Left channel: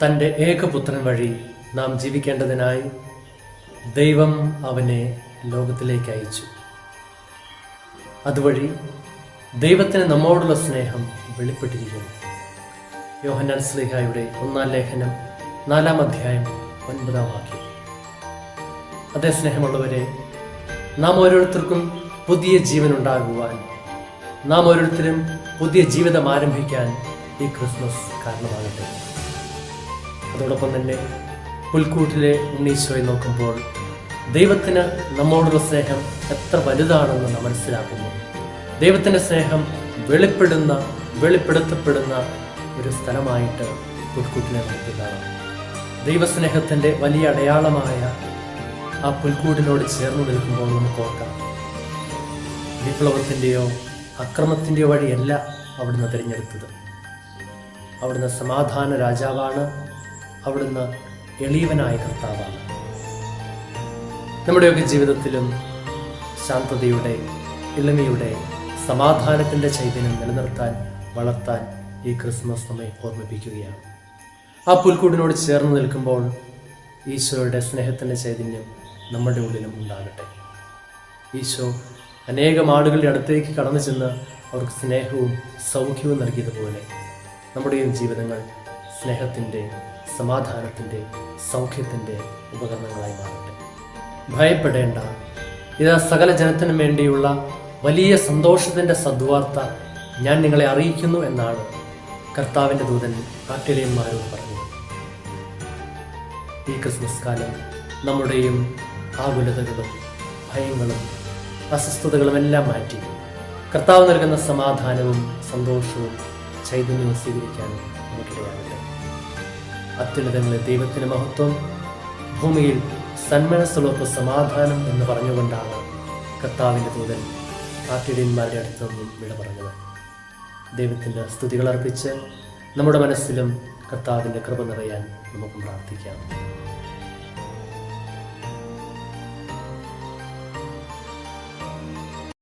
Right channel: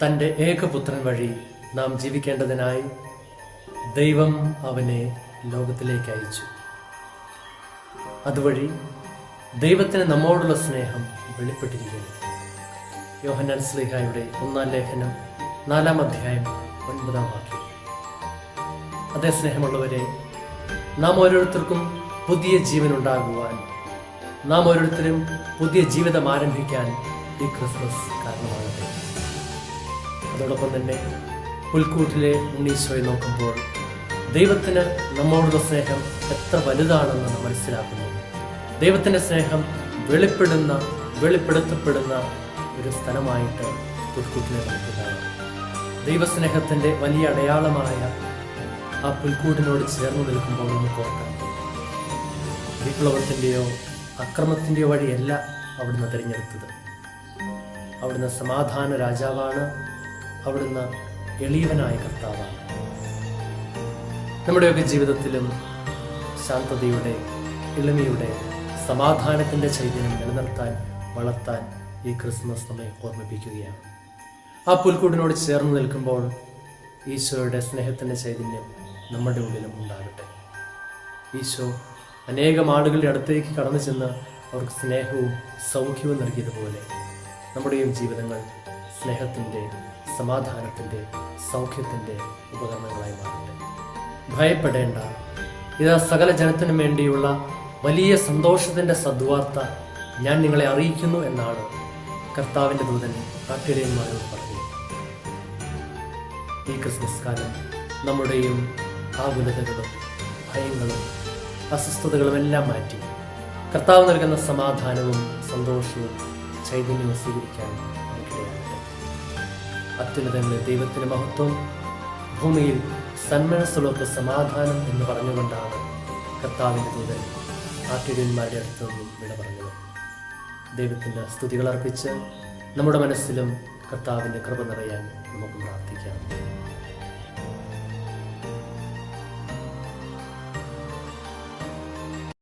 തൻ്റെ ഏകപുത്രൻ വഴി നാം ജീവിക്കേണ്ടതിനായി ദൈവം അവനെ ലോകത്തിലേക്ക് അയച്ചു. അതുവഴി ദൈവത്തിന് നമ്മോടുള്ള സ്നേഹം വെളിപ്പെട്ടിരിക്കുന്നു. യോഹന്നാൻ ശ്ലീഹായുടെ 1-ാം ലേഖനം 4-ാം അധ്യായം 9-ാം വാക്യം. അതേ സ്നേഹമുള്ളവരെ, നാം ഓരോരുത്തർക്കും പുതിയ ജീവൻ ഉണ്ടാകുവാൻ, നാം ഓരോരുത്തരും പുതിയ ജീവിതം ആരംഭിക്കാൻ ഈ ക്രിസ്മസ് കാരണമാകട്ടെ. അതോടൊപ്പം തന്നെ പുൽക്കൂട്ടിലെ ഉണ്ണീശോയെ നോക്കുമ്പോൾ ദൈവത്തിന് നമ്മോടുള്ള സ്നേഹം എത്ര വലുതാണെന്ന് നാം മനസ്സിലാക്കുന്നു. ദൈവത്തിൻ്റെ സ്നേഹം വെളിപ്പെടുത്തപ്പെടുന്ന ഒരു സ്ഥലമായിട്ട് പുൽക്കൂട്ടിനെ കാണാം. ദൈവസ്നേഹത്തിൻ്റെ വലിയ അടയാളമായ ആ പുൽക്കൂട്ടിനോട് ചേർന്ന് നിൽക്കുമ്പോൾ നമുക്ക് ഓർക്കാം, വിപ്ലവത്തിൻ്റെയോ അക്രമത്തിൻ്റെയോ വഴിയല്ല അവിടുന്ന് തിരഞ്ഞെടുത്തത്. അവിടുന്ന് സമാധാന രാജാവാണ്. അവിടുന്ന് എളിയവനായ കർത്താവാണ്. നമ്മുടെയൊക്കെ ജീവിതത്തിലും ശാന്തതയുടെ, എളിമയുടെ, സമാധാനത്തിൻ്റെ ചൈതന്യം നിലനിർത്താൻ, വളർത്താൻ ഈ ക്രിസ്മസ് നമ്മെ ഓർമ്മിപ്പിക്കുകയാണ്. ആ പുൽക്കൂടിനോട് ചേർന്ന് നിൽക്കുമ്പോൾ ഈശോയുടെ സ്നേഹത്തിൻ്റെ ചൈതന്യം നമ്മുടെ ഉള്ളിലും ഉണ്ടാകട്ടെ. ഈശോ അനേകം ആളുകളുടെ അടുത്തേക്ക് കടന്നു ചെന്ന് അവർക്ക് സ്നേഹവും സൗഖ്യവും നൽകിയതുപോലെ നമ്മുടെയും ജീവിതങ്ങൾ സ്നേഹത്തിൻ്റെ, സമാധാനത്തിൻ്റെ, സൗഖ്യത്തിൻ്റെ ഉപകരണങ്ങളായി മാറട്ടെ. ഭയപ്പെടേണ്ട, ഇതാ സകല ജനത്തിനും വേണ്ടിയുള്ള വലിയ സന്തോഷത്തിൻ്റെ സദ്വാർത്ത ഞാൻ നിങ്ങളെ അറിയിക്കുന്നു എന്നാണ് കർത്താവിൻ്റെ ദൂതൻ ആട്ടിടയന്മാരോട് പറഞ്ഞത്. ഈ ക്രിസ്മസ് കാലം നമ്മുടെയും ആകുലതകളും ഭയങ്ങളും അസ്വസ്ഥതകളും എല്ലാം മാറ്റി കർത്താവ് നൽകുന്ന സമാധാനവും സന്തോഷവും ചൈതന്യവും സ്വീകരിക്കാൻ നമുക്കിടയാകട്ടെ. അത്യുന്നതങ്ങളിൽ ദൈവത്തിന് മഹത്വം, ഭൂമിയിൽ സന്മനസ്സുള്ളവർക്ക് സമാധാനം എന്ന് പറഞ്ഞുകൊണ്ടാണ് കർത്താവിൻ്റെ ദൂതൻ ആട്ടിടയന്മാരുടെ അടുത്ത് നിന്നും വിട പറഞ്ഞത്. ദൈവത്തിൻ്റെ സ്തുതികൾ അർപ്പിച്ച് നമ്മുടെ മനസ്സിലും കർത്താവിൻ്റെ കൃപ നിറയാൻ നമുക്ക് പ്രാർത്ഥിക്കാം.